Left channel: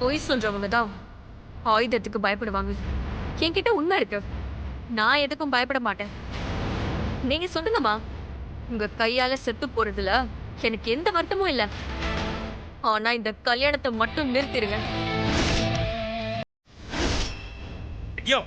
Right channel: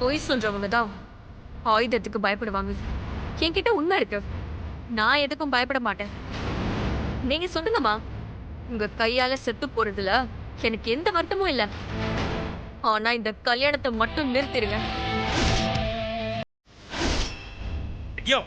பொய் சொல்றவங்க தான் ஆயுதத்துக்கு பயப்படுவாங்க. என்கிட்ட உண்மை இருக்கு. நான் எதுக்கும் பயப்பட மாட்டேன். நீங்க சொல்லுங்கம்மா. உங்க கையால செத்து போறதுல எனக்கு எந்த வருத்தமும் இல்ல. ஆனா இந்த கல்யாணத்தை மட்டும் நிறுத்திடுங்க. ஐயோ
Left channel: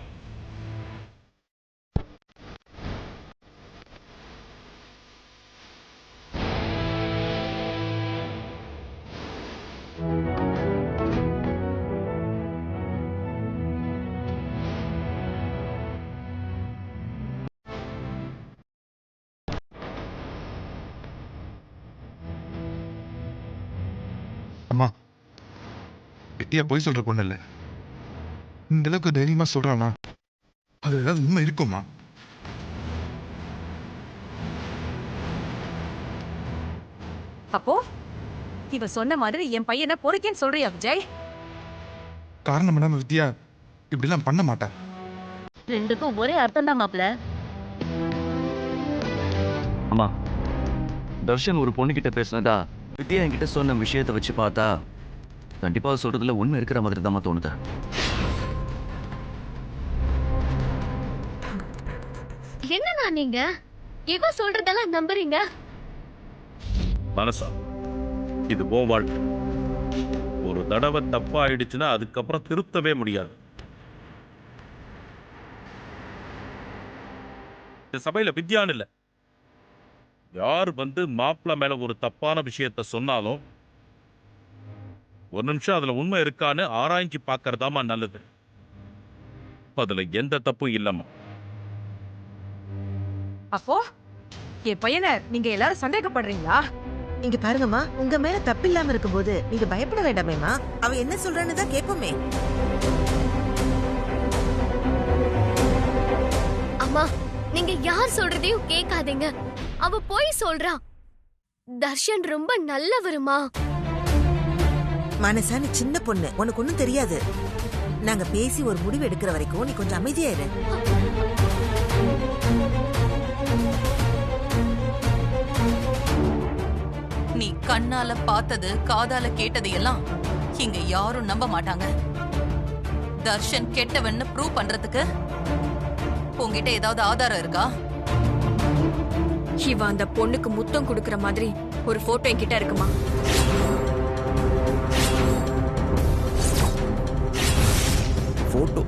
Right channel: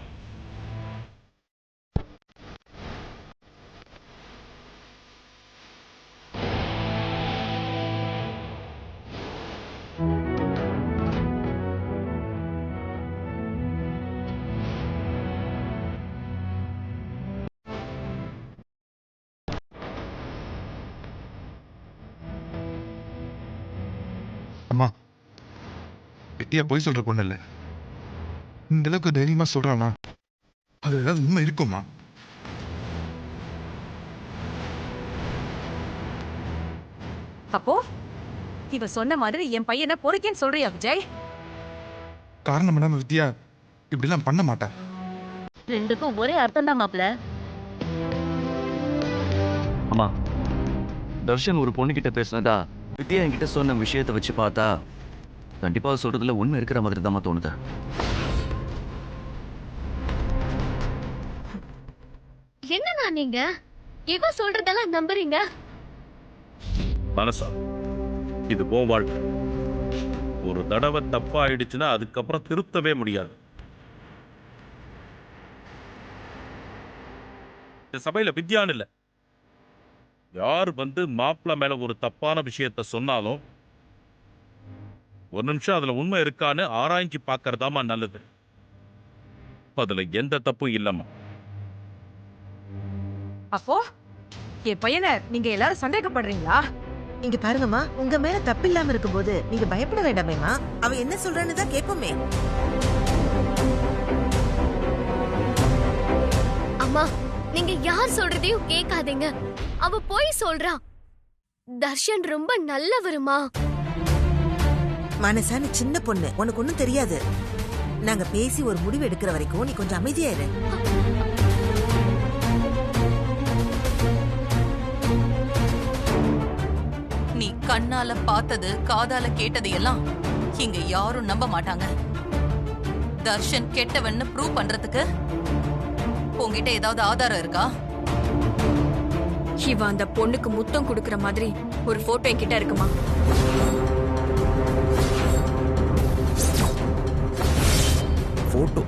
அம்மா, வித்தியா பொய் சொல்ற பொண்ணு இல்ல. இந்த அளவுக்கு தைரியமா சொல்றானா, அது ஏதாவது உண்மை இருக்குமா? அப்போ இவ சொன்ன மாதிரி என் பையனை பொறுக்கேன்னு சொல்றியா விஜய்? காரணம் இல்லாம வித்தியா இப்படிலாம் பண்ண மாட்டா. ரெண்டுக்கும் ஒரே அர்த்தம் தான் மாப்ள. அம்மா, தர்ஷன் ஒரு பொண்ணுகிட்ட பேசினதா வித்யா என்கிட்ட சொன்ன விஷயத்தை வச்சு பார்த்தா கண்டிப்பா சொல்றதுல உண்மை இருக்கிற மாதிரி தான் தோணுது. என்னண்ணா நீங்க இவ சொல்றதெல்லாம் நம்புறீங்க? மனசா, இது போ வாழ்க்கை. ஒரு தடவை தப்பா ஆயிடுச்சுன்னா அதுக்கப்புறம் திருத்தவே முடியாது. இந்த சபையில வித்யான்னு இல்ல, யார் வந்து மாப்பிள்ள மேல ஒரு தப்பான விஷயத்த சொன்னாலும் ஒரு நிமிஷம் அதுல உண்மை இருக்கான்னு ஆராய்ச்சி பார்க்கறதாமா நல்லது. அதுல எந்த தப்பும் இல்லம்மா. அப்போ என் பையனை நீங்க எல்லாரும் சந்தேகப்படுறீங்களா? இங்க பாருங்கம்மா, உங்க மேல தப்பில்லாம இருக்கும்போது நீங்க பயப்பட வேண்டாமேம்மா. அவ என்ன சொல்றான்னு தான் கேட்போமே. அம்மா, நீங்க யார் சொல்றதையும் கேட்காதீங்க. அவ போய் சொல்றா. தர்ஷன் ரொம்ப நல்லவருமா. மனசா நீ சின்ன பொண்ணு, உனக்கு ஒண்ணும் தெரியாது. நாங்க பேசி ஒரு முடிவு எடுக்கிற வரைக்கும் நீ கொஞ்சம் அமைதியா இரு. நீ கண்ணால பார்த்தது காதால கேட்டது எல்லாம் இங்க யாரும் நம்ப மாட்டாங்க. தர்ஷன் கெட்டவன்னு ப்ரூவ் பண்றதுக்கு உங்ககிட்ட ஏதாவது ஆதாரம் இருக்கா? இவ அந்த பொண்ணுக்கு முத்தம் கொடுக்கற மாதிரி ஒரு போட்டோ என்கிட்ட இருக்குமா? போட்டோ?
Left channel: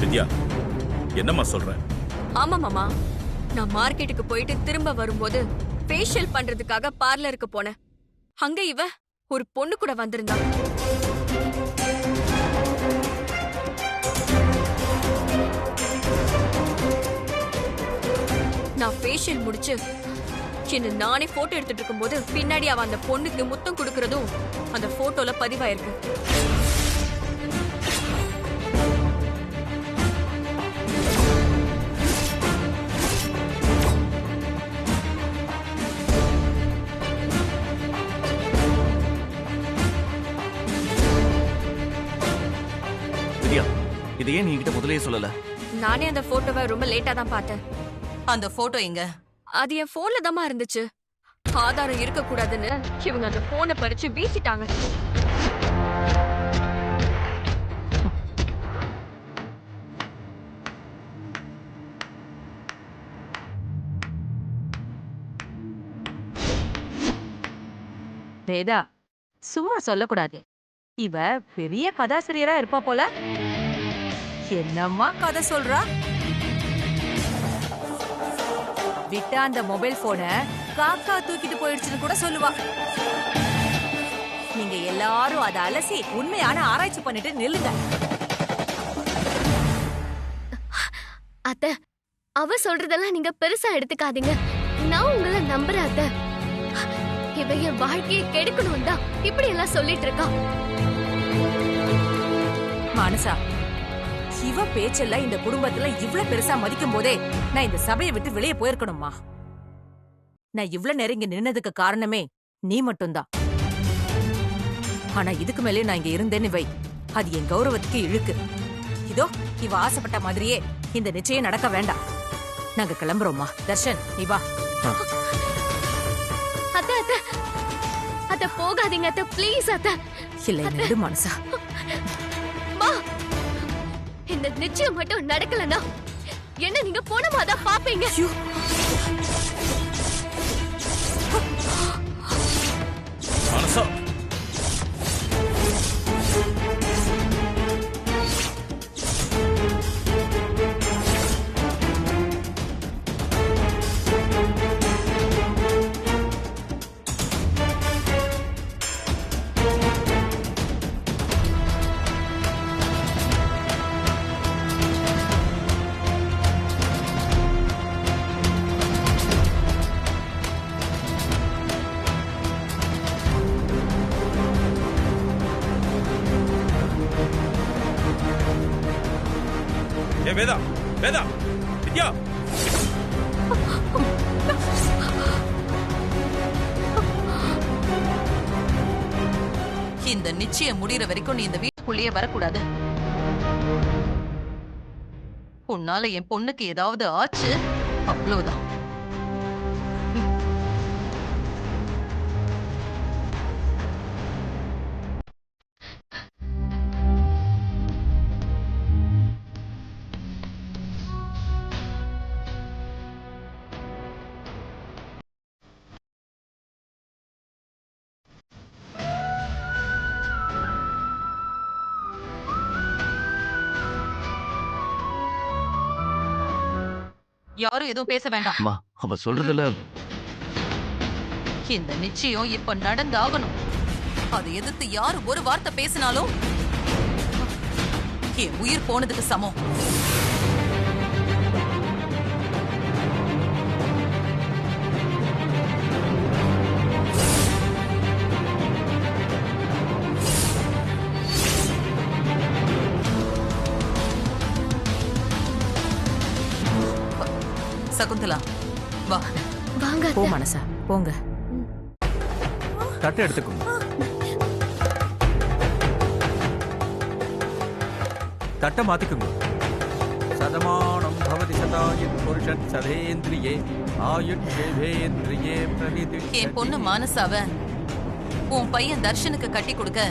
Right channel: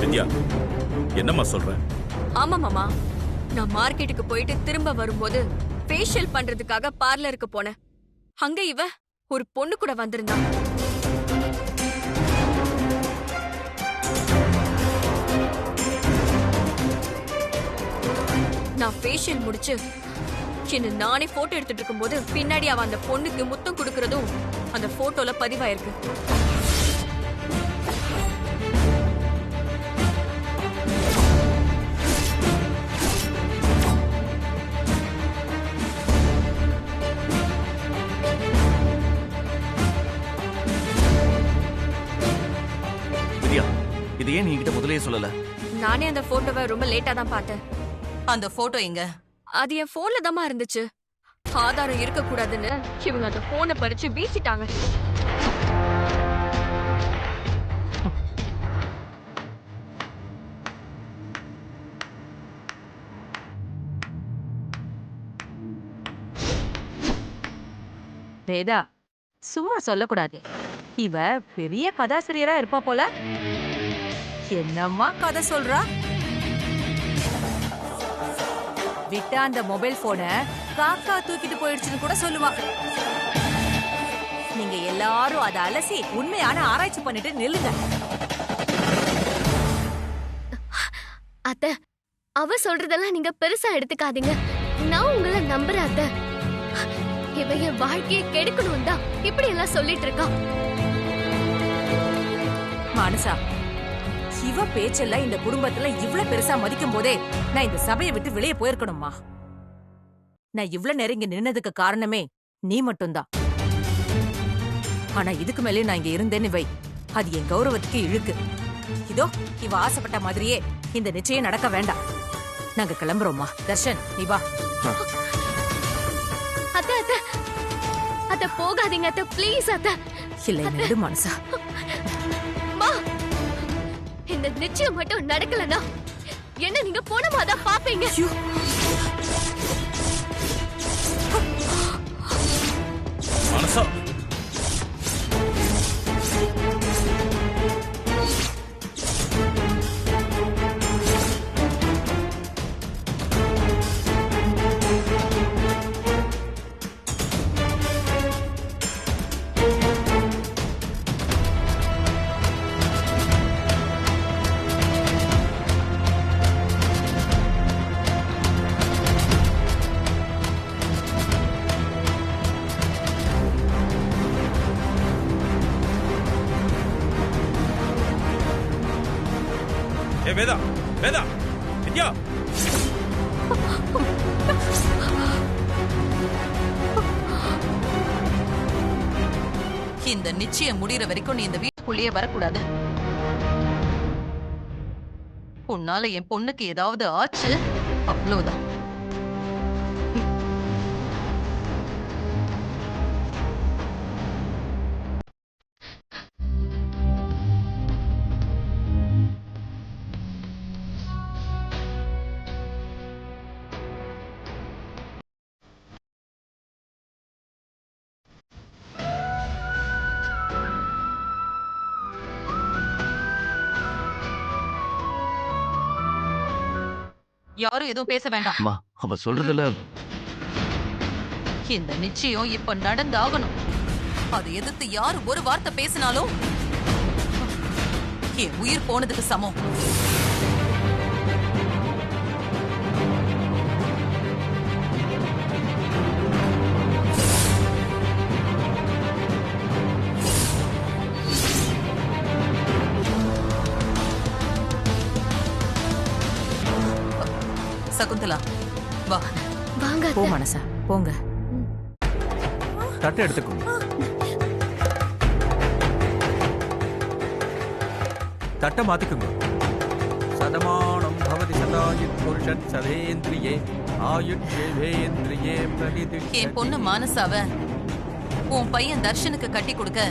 வித்யா, என்னம்மா சொல்ற? ஆமா மாமா, நான் மார்க்கெட்டுக்கு போயிட்டு திரும்ப வரும்போது ஃபேஷியல் பண்றதுக்காக பார்லருக்கு போனேன். அங்க இவ ஒரு பொண்ணு கூட வந்திருந்தா. நான் ஃபேஷியல் முடிச்சு என்ன நானே போட்டோ எடுத்துட்டு இருக்கும்போது பின்னாடி அவ அந்த பொண்ணுக்கு முத்தம் கொடுக்கறதும் அந்த போட்டோல பதிவாயிருக்கு. வித்யா, இது ஏன் நீ என்கிட்ட முதல்லயே சொல்லல? நானே அந்த போட்டோவை ரொம்ப லேட்டா தான் பார்த்தேன். அந்த போட்டோ எங்க? அது என் போன்ல தாமா இருந்துச்சு. ஆதாரம் இருக்க கூடாதுன்னு இவங்க அந்த போனை பறிச்சு வீசிட்டாங்க. வேதா, சும்மா சொல்லக்கூடாது. இவ பெரிய கதாசிரியரா இருப்பா போல. என்னம்மா கதை சொல்றா? விட்டா அந்த மொபைல் போனை காக்கா தூக்கிட்டு போயிடுச்சுன்னு கூட சொல்லுவா. நீங்க எல்லாரும் அதை அலசி உண்மையான ஆராய்ச்சி பண்ணிட்டு நில்லுங்க. அத்த, அவ சொல்றதெல்லாம் நீங்க பெருசா எடுத்துக்காதீங்க. நான் உங்களை நம்புறேன் அத்த. இவ என் வாழ்க்கையை கெடுக்கணும் தான் இப்படி எல்லாம் சொல்லிட்டு இருக்கா. மானசா, இவ பேச்செல்லாம் இந்த குடும்பத்துல இவ்ளோ பெருசா மதிக்கும் போதே நான் இந்த சபையை விட்டு வெளியே போயிருக்கணுமா? நான் இவ்ளோ நெருங்கி நின்னதுக்கு காரணமே நீ மட்டும்தான். ஆனா இதுக்கு மேலே நான் இங்க இருந்தேன்னு வை, அது என் கௌரவத்துக்கு இழுக்கு. இதோ இவ ஆசைப்பட்ட மாதிரியே இந்த நிச்சயம் நடக்க வேண்டாம். நாங்க கிளம்புறோம்மா. தர்ஷன் நீ வா. அத்தை அத்தை அத்தை போகாதீங்க அத்தை, ப்ளீஸ் அத்தை. இல்ல நெடு மனசா. மா, இந்த நிச்சயம் மட்டும் நடக்கலனா என்ன நீங்க போனமாதான் பாப்பீங்க. மனசா ஏ வேதா, வேதா, வித்யா. இந்த நிச்சயம் முடியற வரைக்கும் நீ இந்த வீட்டுக்குள்ளேயே வரக்கூடாது. உன்னால என் பொண்ணுக்கு ஏதாவது ஆச்சு அவ்வளவுதான். யாரும் எதுவும் பேச வேண்டாம். அம்மா அவ சொல்றதுல இந்த நிச்சயம் இப்ப நடந்தாகணும். அதை எதிர்த்து யாரு ஒரு வார்த்தை பேசினாலும் என் உயிர் போனதுக்கு சமம். சகுந்தலா வா. வாங்க போ அத்தை. மனசா போங்க. தட்டை எடுத்துக்கோங்க. தட்டை மாத்திக்குங்க. சதமானம் பவதி சதாயுத் புருஷன் சதேந்திரியே ஆயுட் தேவேந்திரியே பிரதிதிஷ்டதி. என் பொண்ணு மானசாவ உன் பையன் தர்ஷனுக்கு கட்டி கொடுக்க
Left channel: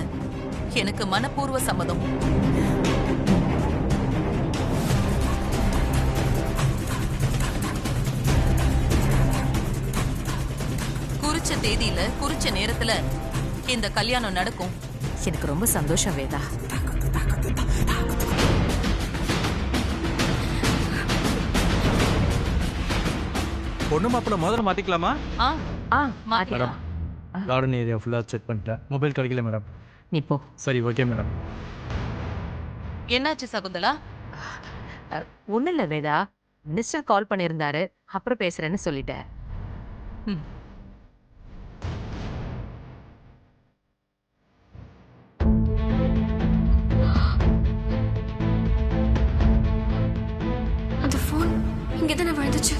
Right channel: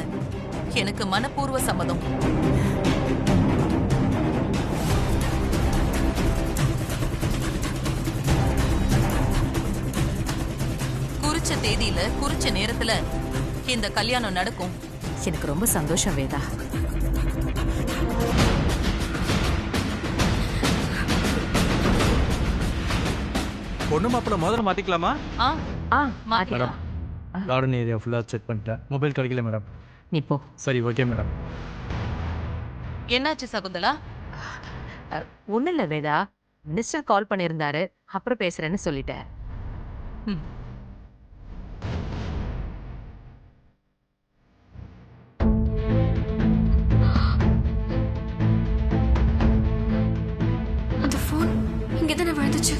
எனக்கு மனப்பூர்வ சம்மதம். குறிச்ச தேதியில குறிச்ச நேரத்துல இந்த கல்யாணம் நடக்கும். எனக்கு ரொம்ப சந்தோஷம் வேதா. பொண்ணு மாப்பிள்ள முதல்ல மாத்திக்கலாமா? மாத்திக்கலாம். கார்டன் ஏரியா ஃபுல்லா செக் பண்ணிட்டேன். மொபைல் கிடைக்கல மேடம். நீ போ. சரி ஓகே மேடம். என்னாச்சு சகுந்தலா? ஒண்ணு இல்ல வேதா, மினிஸ்டர் கால் பண்ணியிருந்தாரு, அப்புறம் பேசுறேன்னு சொல்லிட்டேன். அந்த போன் இங்கதானே விழுந்துச்சு.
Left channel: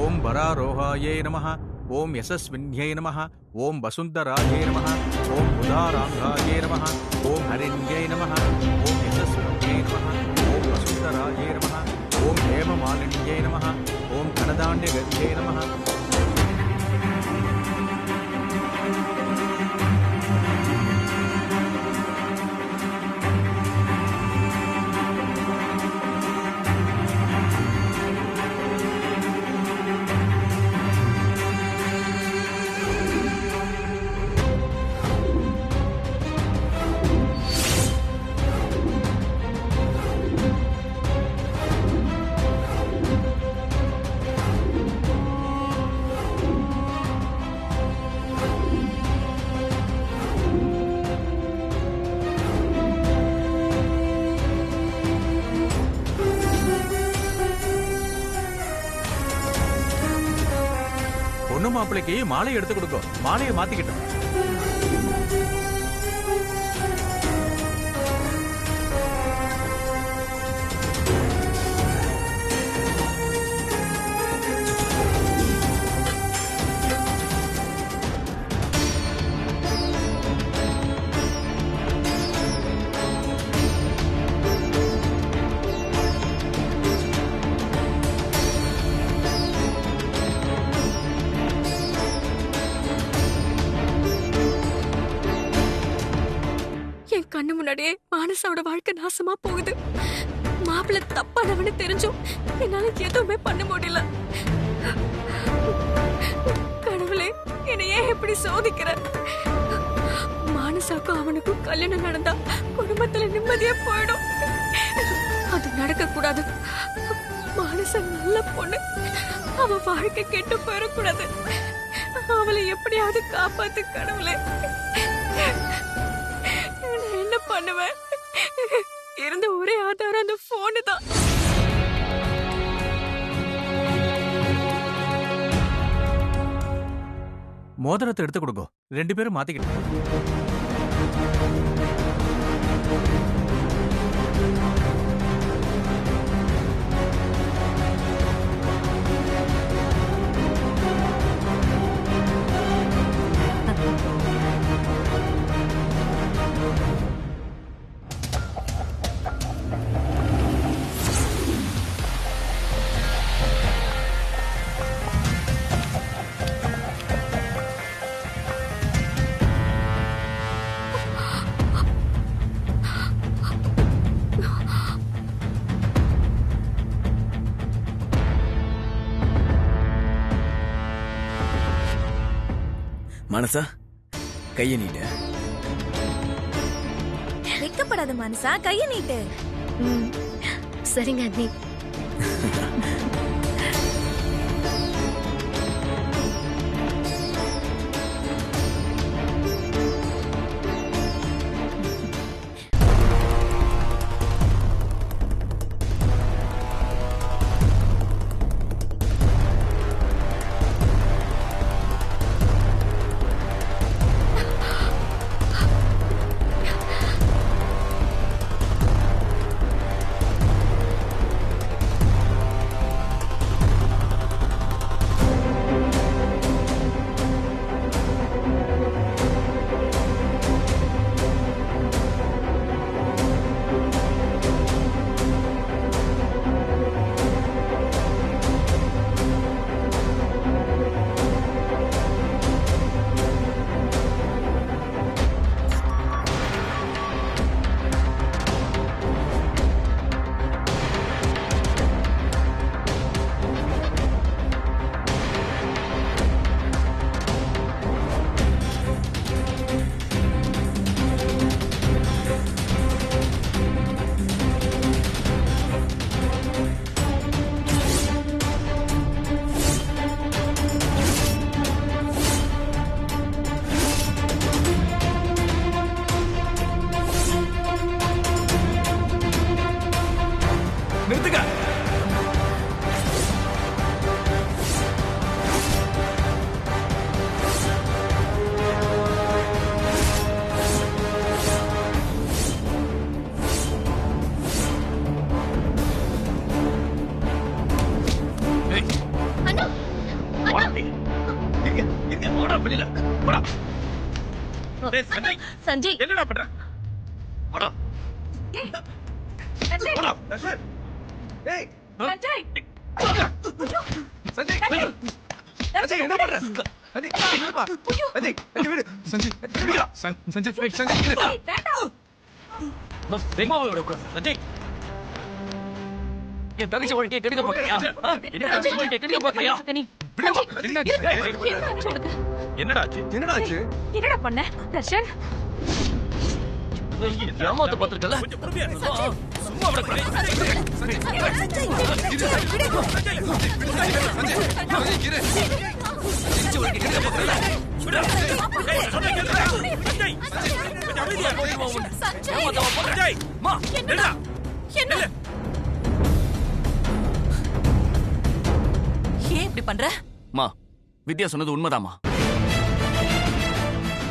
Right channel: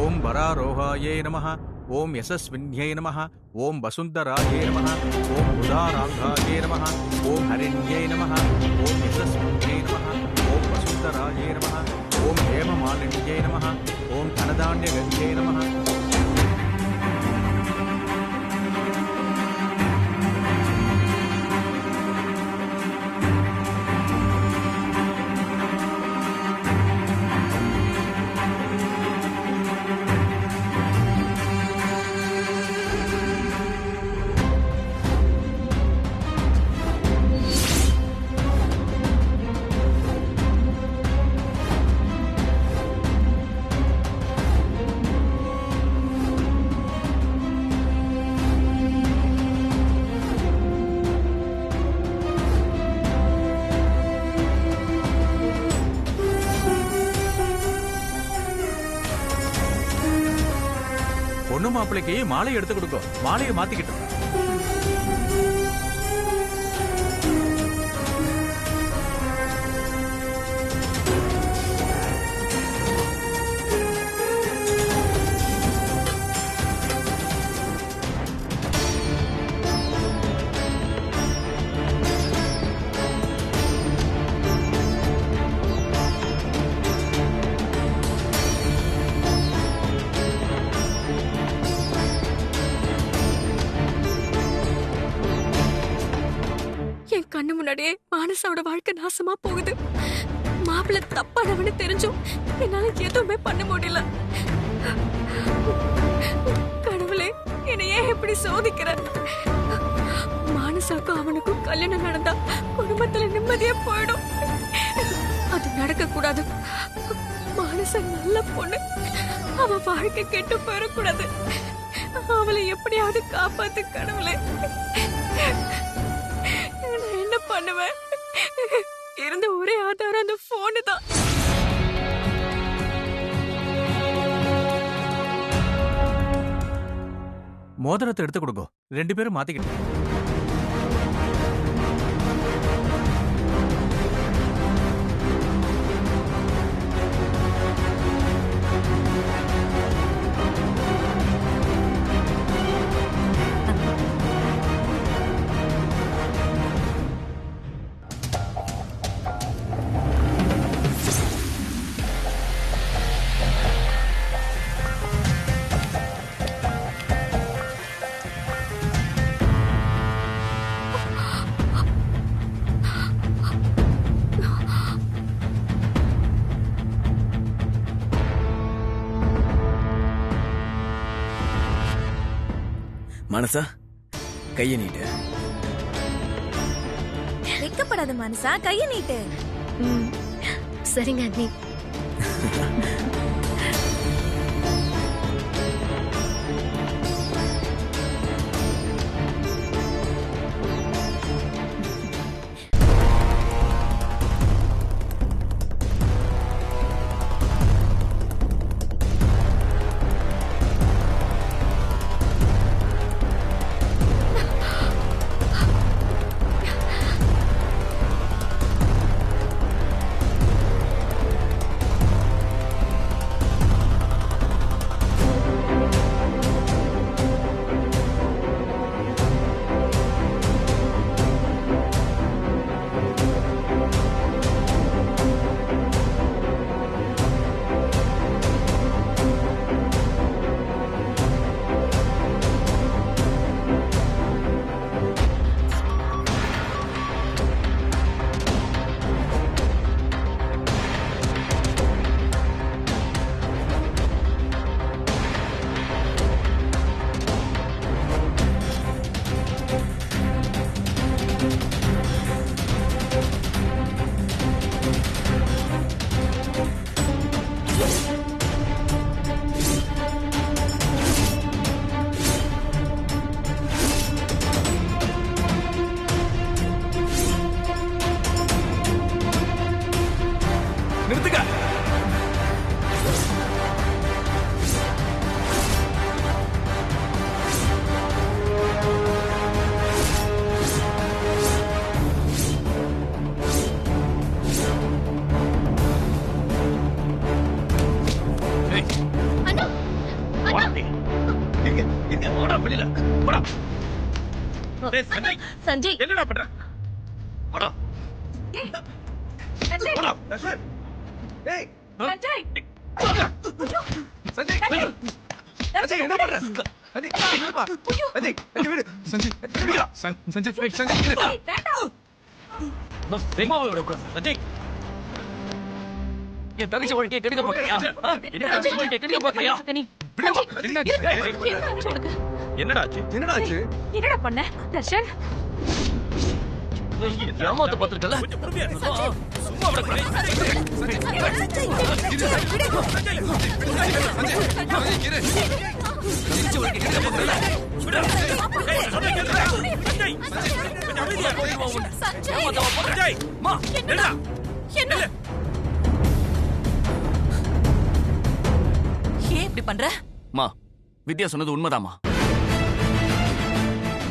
ஓம் வராரோகாயே நமः. ஓம் யசஸ்வின்யை நமः. ஓம் வசுந்தராயே நமः. ஓம் உதாராங்காயே நமः. ஓம் ஹரிண்யை நமः. ஓம் யசஸ்வின்யை நமः. ஓம் வசுந்தராயே நமः. ஓம் ஹேமமாலின்யை நமः. ஓம் தனதாண்யகத்யை நமः. பொண்ணு மாப்பிள்ளைக்கு மாலை எடுத்து கொடுக்கும். மாலையை மாத்திக்கிட்டோம். கண்ணு முன்னாடியே மானசாவோட வாழ்க்கை நாசமா போகுது. மாப்பிள்ளை தப்பானவனு தெரிஞ்சும் என்னால எதுவுமே பண்ண முடியல. கடவுளே, என்னை ஏன் இப்படி சோதிக்கிற? மானசாக்கும் அவனுக்கும் கல்யாணம் நடந்தா குடும்பத்துல நிம்மதியா போயிடும். அது நடக்க கூடாது. மானசா நல்ல பொண்ணு, அவ வாழ்க்கை கெட்டு போயிடக்கூடாது. அவளை எப்படியாவது காப்பாத்து கடவுளே. நான் என்ன பண்ணுவேன்? இருந்த ஒரே ஆதாரம் அந்த போனு தான். மோதிரத்தை எடுத்து கொடுங்க, 2 பேரும் மாத்திக்கிட்டு. மனசா, கைய நீட்டு. வெக்கப்படாத மனசா, கைய நீட்டு. சரிங்க அண்ணி. நிறுத்துங்க. அண்ணா, சஞ்சய், என்னடா பண்ற? என் தங்கச்சி வாழ்க்கையை கெடுக்க பாக்குறியா? கெடுக்க பாக்குறியா? என்னடா ஆச்சு? என்னடா பண்ண தர்ஷன்? ஏமாத்த பாத்துருக்கல. கொஞ்சம் பொறுமையா இரு. சும்மா ஏன் இப்படி பண்ற? மா, வித்யா சொன்னது உண்மைதாமா.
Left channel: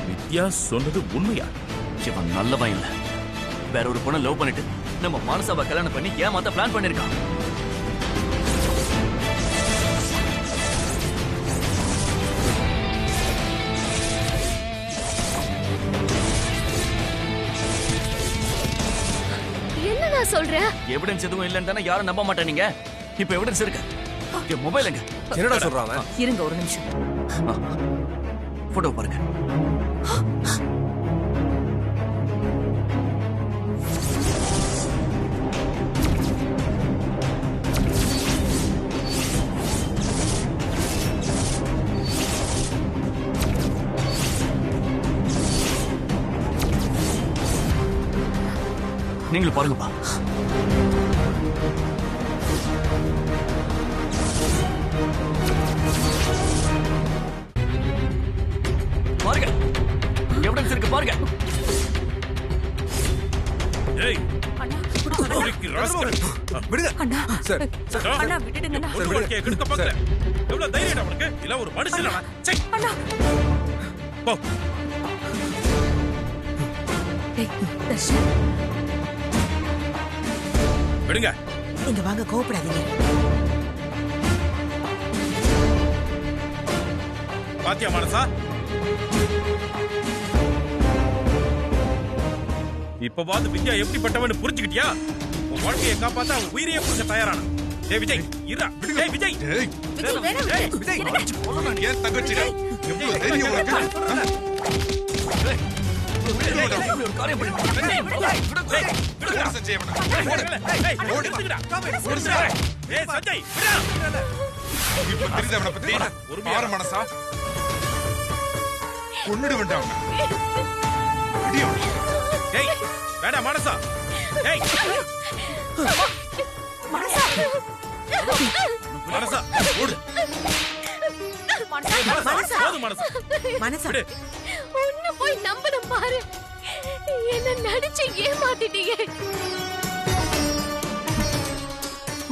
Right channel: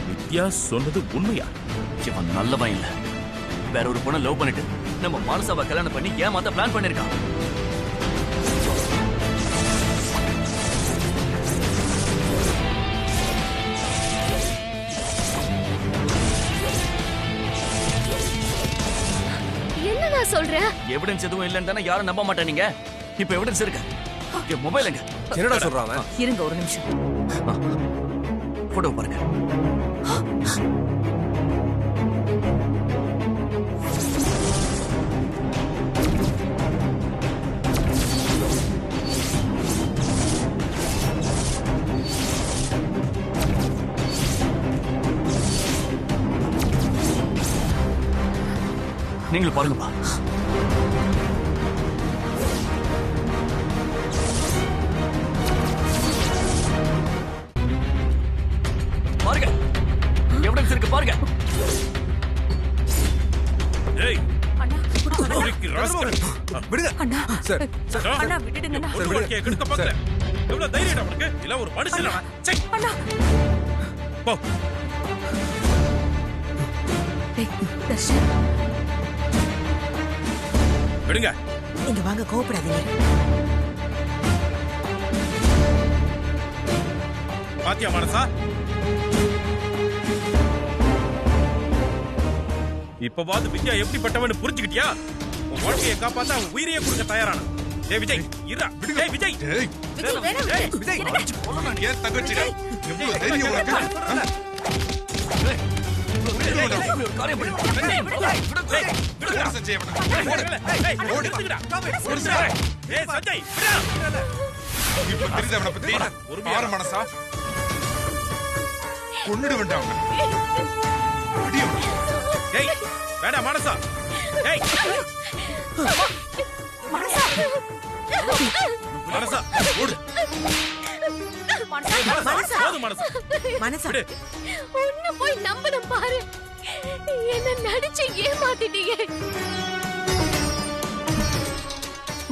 வித்யா சொன்னது உண்மையா? இவன் நல்லவன் இல்ல. வேற ஒரு பொண்ணை லவ் பண்ணிட்டு நம்ம மானசாவை கல்யாணம் பண்ணி ஏமாத்த பிளான் பண்ணிருக்கான். என்னடா சொல்ற? எவிடன்ஸ் எதுவும் இல்லன்னு தானே யாரும் நம்ப மாட்டேன். நீங்க இப்ப எவிடன்ஸ் இருக்கு. என் மொபைல் எங்க? என்னடா சொல்றாங்க? இருங்க ஒரு நிமிஷம். போட்டோ பாருங்க. நீங்களும் பாருங்கப்பா. பாருங்க, எவிடன்ஸ் இருக்கு பாருங்க. ஏய் அண்ணா ஒருக்கி ராஸ்கல். விடுங்க அண்ணா சார். அண்ணா விட்டுடுங்கண்ணா. ஒரு வாழ்க்கையை கெடுக்க பார்க்கற. எவ்வளவு தைரியம் உனக்கு? இல்ல ஒரு மனுஷனா? சே. அண்ணா போ. டேய் தர்ஷன், விடுங்க. நீங்க வாங்க, கோவப்படாதீங்க. பாத்தியா மனசா? இப்பவாது வித்யா எப்படிப்பட்டவன்னு புரிஞ்சுக்கிட்டியா? உன் வாழ்க்கையை காப்பாத்த அவன் உயிரையே கொடுக்க தயாரான. டேய் விஜய், இருடா. டேய் விஜய். ஏய், விஜய் வேணாம் டேய் விஜய், அடிச்சு கொல்லணும். ஏன் தங்கச்சிடா? எவ்வளவு விஜய், தைரியம் உனக்கு? இப்படி ஒரு காரியம் பண்ணி போடு சஞ்சய் அவனை. ஏய் சஞ்சய், விடா. இப்ப தெரியுது அவனை பத்தி? பாரு மனசா, கொன்னுடு வேண்டாம் அவனை. அடி அவனை. ஏய் வேடா மனசா. ஏய் மனசா மனசா ஓடு. மனசா போதும் மனசா. மனசா, விடு. உன்னை போய் நம்பணும் பாரு. என்ன நடிச்சு ஏமாத்திட்டீங்க.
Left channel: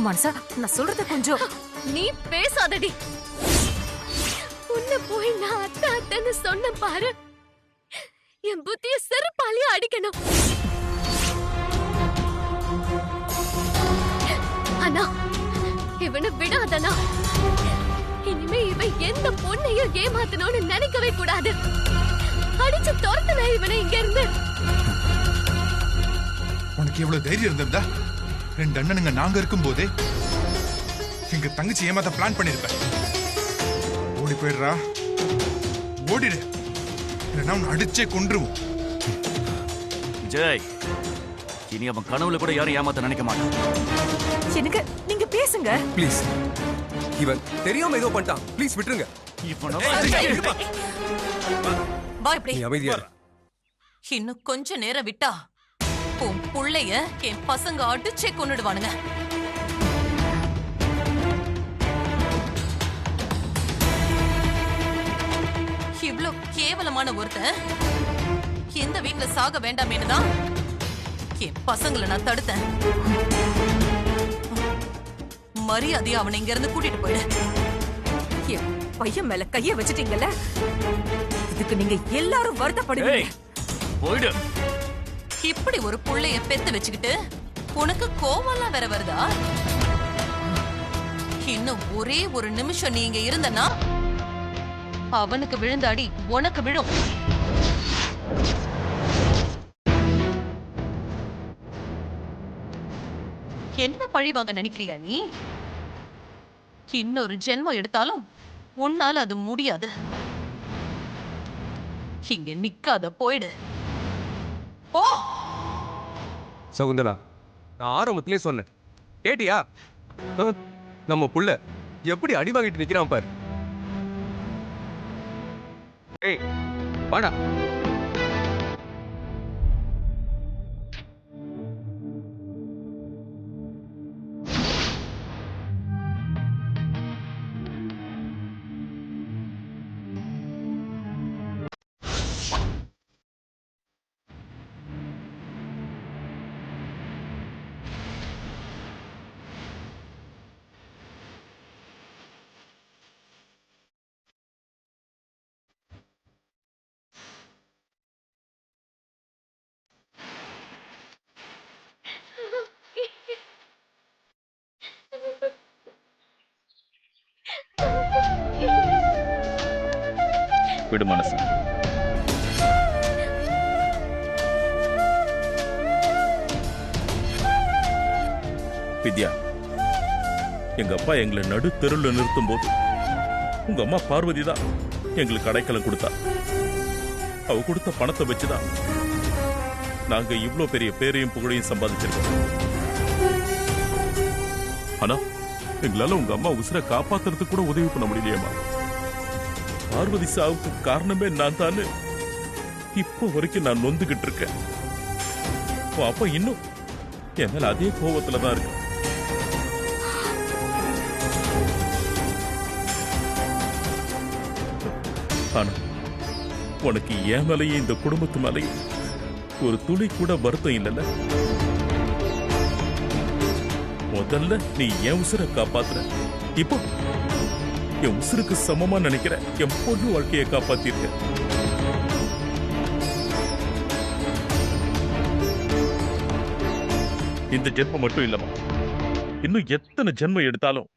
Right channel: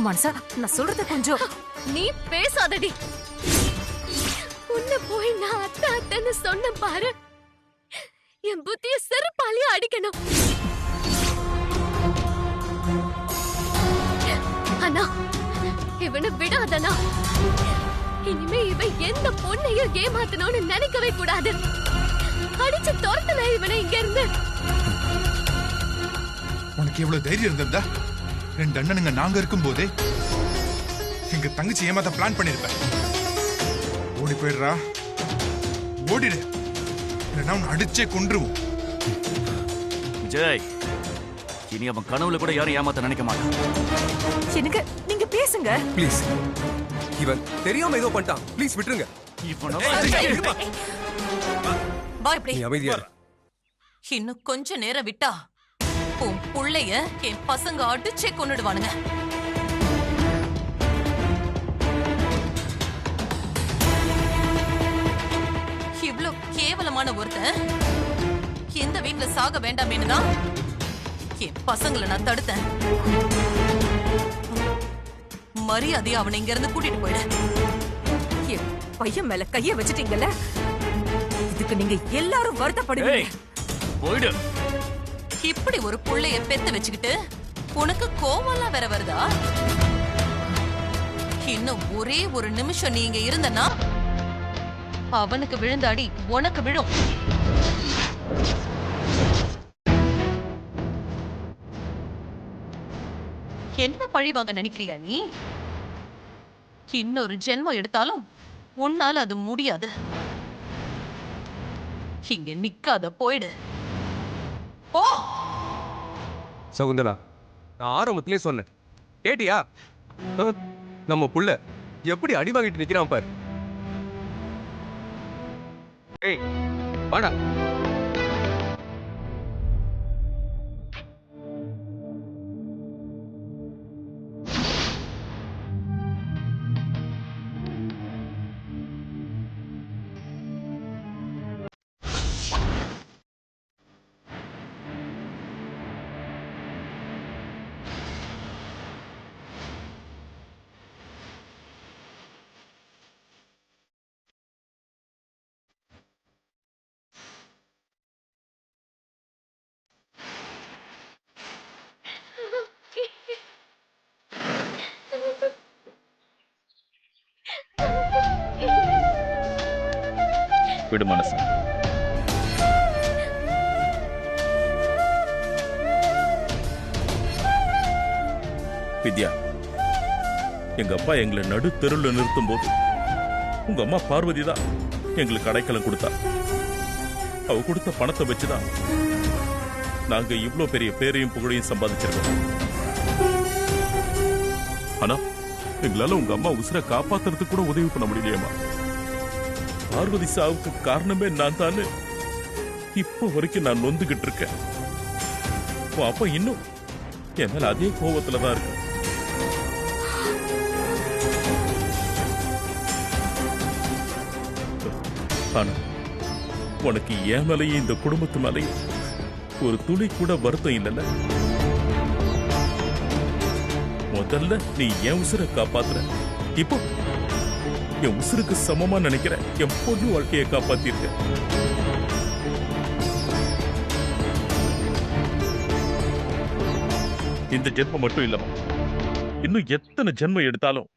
மனசா, நான் சொல்றது கொஞ்சம். நீ பேசாதடி. உன்னை போய் நான் அத்தை அத்தைன்னு சொன்ன பாரு. என் புத்திய செருப்பாலேயே அடிக்கணும். அண்ணா, இவனை விடாதண்ணா. இனிமே இவன் எந்த பொண்ணையும் ஏமாத்தணும்னு நினைக்கவே கூடாது. அடிச்சு துரத்துனா இவனை இங்க இருந்து. உனக்கு எவ்வளவு தைரியம் இருந்திருந்தா 2 அண்ணனுங்க நாங்க இருக்கும் போதே எங்க தங்கச்சி ஏமாத்த பிளான் பண்ணிருப்ப. ஓடி போயிடுறா, ஓடிடு, இல்லைன்னா உன்னை அடிச்சே கொன்றுவோம். விஜய், இனி அவன் கனவுல கூட யாரும் ஏமாத்த நினைக்க மாட்டான். எனக்கு நீங்க பேசுங்க. ப்ளீஸ், இவன் தெரியாம ஏதோ பண்ணிட்டான். ப்ளீஸ் விட்டுருங்க. வா இப்படி. நீ அமைதியா இரு. இன்னும் கொஞ்ச நேரம் விட்டா உன் புள்ளைய என் பசங்க அடிச்சே கொன்னுடுவானுங்க. இவ்ளோ கேவலமான ஒருத்தன் இந்த வீட்ல சாக வேண்டாமேன்னு தான் என் பசங்களை நான் தடுத்தேன். மரியாதையா அவனை இங்க இருந்து கூட்டிட்டு போயிடு. என் பையன் மேல கைய வச்சிட்டீங்கல்ல, இதுக்கு நீங்க எல்லாரும் வருத்தப்படுவீங்க. ஏய், போயிடு. இப்படி ஒரு புள்ளைய பெத்து வச்சுக்கிட்டு உனக்கு கோவம்லாம் வேற வருதா? இன்னும் ஒரே ஒரு நிமிஷம் நீ இங்க இருந்தனா அவனுக்கு விழுந்த அடி உனக்கு விழும். என்ன பழி வாங்க நினைக்கிறியா நீ? இன்னொரு ஜென்மம் எடுத்தாலும் உன்னால அது முடியாது. இங்க நிக்காத, போயிடு. போ. சகுந்தலா, நான் ஆரம்பத்திலே சொன்னேன், கேட்டியா? நம்ம புள்ள எப்படி அடி வாங்கிட்டு நிக்கிறான் பாரு. ஏய் வாடா. விடு மனசு. வித்யா, எங்க அப்பா எங்களை நடு தெருவில் நிறுத்தும் போது உங்க அம்மா பார்வதி தான் எங்களுக்கு அடைக்கலம் கொடுத்தா. அவ கொடுத்த பணத்தை வச்சுதான் நாங்க இவ்ளோ பெரிய பேரையும் புகழையும் சம்பாதிச்சிருக்கோம். ஆனா எங்களால உங்க அம்மா உசுரை காப்பாத்துறதுக்கு கூட உதவி பண்ண முடியலையேம்மா. பார்வதி சாவுக்கு காரணமே நான் தானே இப்போ வரைக்கும் நான் நொந்துகிட்டு இருக்கேன். அப்பா இன்னும் என் மேல அதே கோபத்துல தான் இருக்க. ஆனா உனக்கு என் மேலையும் இந்த குடும்பத்து மேலையும் ஒரு துளி கூட வருத்தம் இல்லைல்ல? முதல்ல நீ என் உசுரை காப்பாத்துற, இப்போ என் உசுருக்கு சமமா நினைக்கிற என் பொண்ணு வாழ்க்கையை காப்பாத்திருக்க. இந்த ஜென்மம் மட்டும் இல்லமா, இன்னும் எத்தனை ஜென்மம் எடுத்தாலும்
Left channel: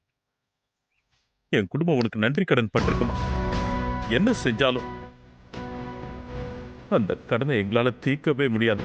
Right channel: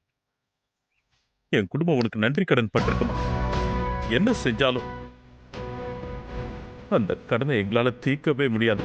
என் குடும்பம் உனக்கு நன்றி கடன் பட்டிருக்குமா. என்ன செஞ்சாலும் அந்த கடனை எங்களால தீர்க்கவே முடியாது.